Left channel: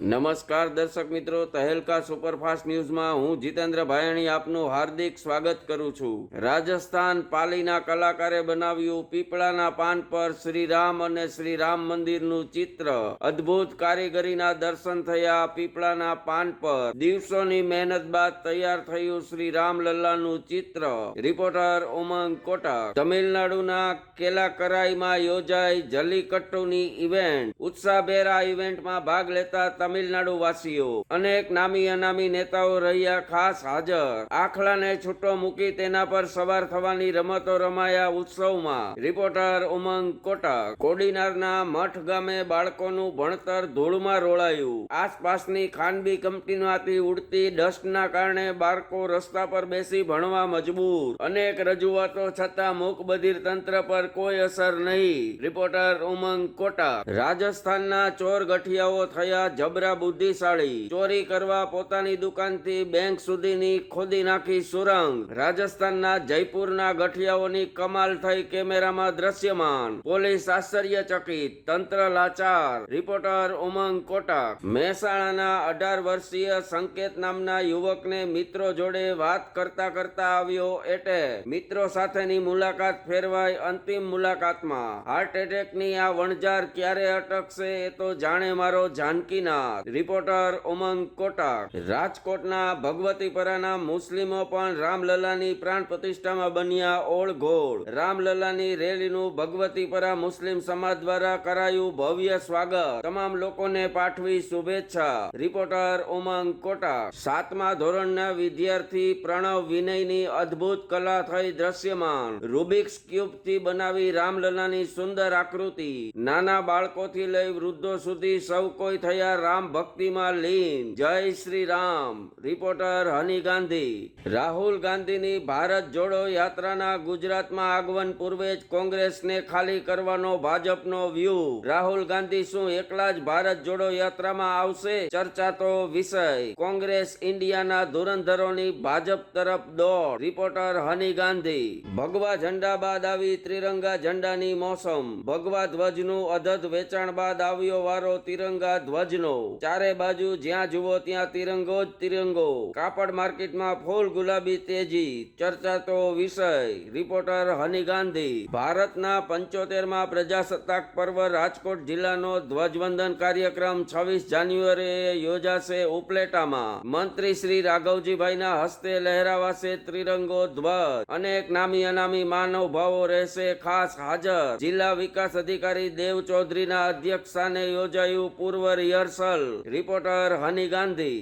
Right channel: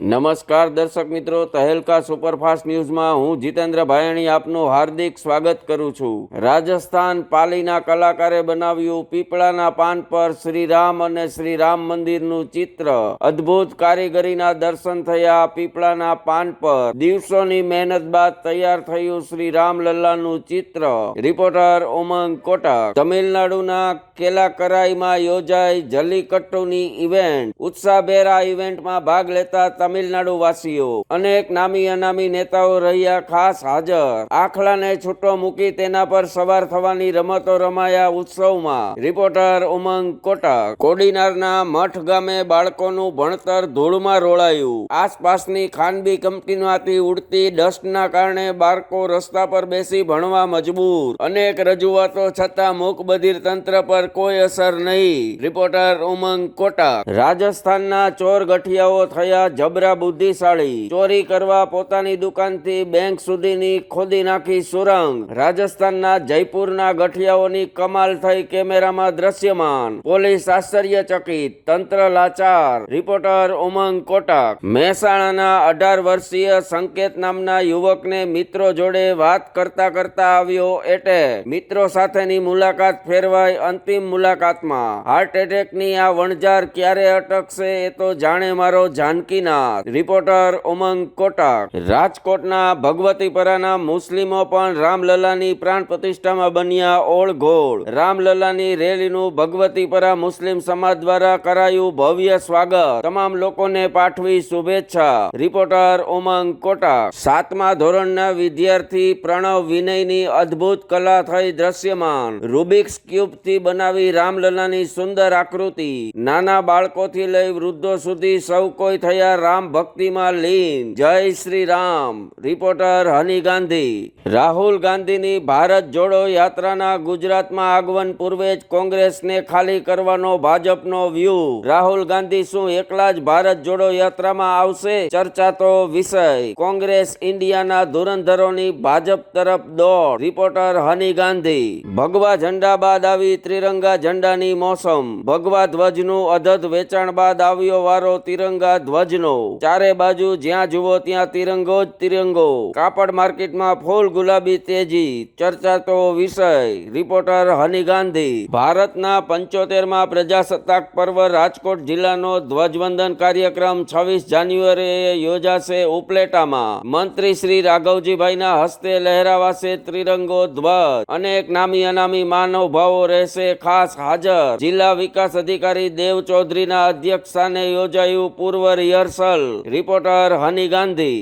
નમસ્કાર દર્શક મિત્રો, તહેલકા સુપરફાસ્ટ ન્યૂઝમાં હું જીતેન્દ્ર ભાયણી આપનું હાર્દિક સ્વાગત કરું છું। રાજસ્થાન પાલીના કલાકારે બનાવ્યું પીપળાના પાન પર શ્રીરામ અને શ્રીરામ મંદિરનું ચિત્ર। અદ્ભુત કારીગરીના દર્શન થયા। પીપળાના પાન પર દિવસોની મહેનત બાદ તૈયાર થયું શ્રીરામ લલ્લાનું ચિત્ર। રિપોર્ટર ઉમંગ કોટક। તમિલનાડુના કેલાકરાઈમાં યોજાઈ જલ્લીકટ્ટુની ઇવેન્ટ। ઉત્સાહભેર આ ઇવેન્ટમાં ભાગ લેતા તમિલનાડુ વાસીઓ અનેક નામી અનામી નેતાઓ રહ્યા ખાસ હાજર। આખલાને છૂટો મૂકી તેના પર સવાર થવાની રમતો રમાયા ઉત્સવમાં। રિપોર્ટર ઉમંગ કોટક। કોડીનારના મઠ ગામે બાળકોનું ભણતર ધૂળમાં રોળાયું। આસપાસની ખાનગી કંપનીમાંથી ઉડતી ડસ્ટના કારણે બાળકો રસ્તા પર બેસી ભણવા મજબૂર। અનેક રજૂઆતો છતાં મૂકબધિર તંત્ર પર કોઈ અસર નહીં। રિપોર્ટર ઉમંગ કોટક। રાજસ્થાનના ચોર ગઠિયાઓ થયા જબરા બુદ્ધિશાળી। ચોરી કરવા પોતાની દુકાનથી બેંક સુધીની ખોદી નાખી સુરંગ। રાજસ્થાનના જયપુરના ગઠિયાઓની કમાલ થઈ કેમેરામાં દ્રશ્યમાન। પોલીસ આશ્ચર્યચકિત, તંત્ર લાચાર। રિપોર્ટર ઉમંગ કોટક। મહેસાણાના 18 વર્ષીય સંકેત નામના યુવકને મિત્રો જોડે વાત કરતા કરતા આવ્યો એટેક। મિત્રો સાથેની મુલાકાત ફેરવાઈ અંતિમ મુલાકાતમાં। હાર્ટ એટેકની આ વણઝાર ક્યારે અટકશે એ તો જાણે મારો જાનકીનાથ। રિપોર્ટર ઉમંગ કોટક। રાજકોટના ભગવતીપરાના મુસ્લિમો પણ રામલલ્લાની પ્રાણ પ્રતિષ્ઠામાં બન્યા ઓળઘોળ। રામલલ્લાની રેલીનું ભગવતીપરા મુસ્લિમ સમાજ દ્વારા કરાયું ભવ્ય સ્વાગત। તમામ લોકોને પાઠવી શુભેચ્છા। રિપોર્ટર ઉમંગ કોટક। 7મા ધોરણના વિદ્યાર્થી પ્રણવ વિનયની અદ્ભુત કલા થઈ દ્રશ્યમાન। રૂબિક્સ ક્યુબથી બનાવી રામલલ્લાની સુંદર આકૃતિ। નાના બાળકોથી લઈ વૃદ્ધો સુધી સૌ કોઈ થયા રામ ભક્તિમાં લીન। જય શ્રી રામ। રિપોર્ટર હની ગાંધી। રાહુલ ગાંધીની ભારત જોડો યાત્રાના ગુજરાતમાં આગમન પૂર્વે જ કોંગ્રેસને ખાલી કરવાનો ભાજપનો વ્યૂહ। રાહુલ ગાંધી શું એકલા જ ભારત જોડો યાત્રામાં આવશે? ચર્ચાતો વિષય। કોંગ્રેસ ઇન્ડિયાના ધુરંધરોની ભાજપ તરફ દોડ। રિપોર્ટર હની ગાંધી। ભગવા ઝંડા બાદ આવી ત્રિરંગા ઝંડાની મોસમ। ભગવા ધ્વજનું અધધ વેચાણ બાદ આવ્યો વારો તિરંગા ધ્વજનો। ચારે બાજુ જ્યાં જુઓ ત્યાં તિરંગો જ તિરંગો। કાપડ માર્કેટમાં ફૂલ ગુલાબી તેજી। ચર્ચાતો વિષય। રિપોર્ટર હની ગાંધી। ભારતના 75મા પ્રજાસત્તાક પર્વ રાજકોટ જિલ્લાનો ધ્વજવંદન કાર્યક્રમ 26 જાન્યુઆરીએ યોજાશે ઉપલેટામાં। મંત્રી શ્રી રાઘવજીભાઈના હસ્તે લહેરાવાશે ત્રિરંગો ધ્વજ। અનેક નામી અનામી મહાનુભાવો રહેશે ખાસ હાજર। જિલ્લા વિકાસ અધિકારી દેવ ચૌધરીના અધ્યક્ષસ્થાને યોજાયું પૂર્વ રિહર્સલ। રિપોર્ટર હની ગાંધી।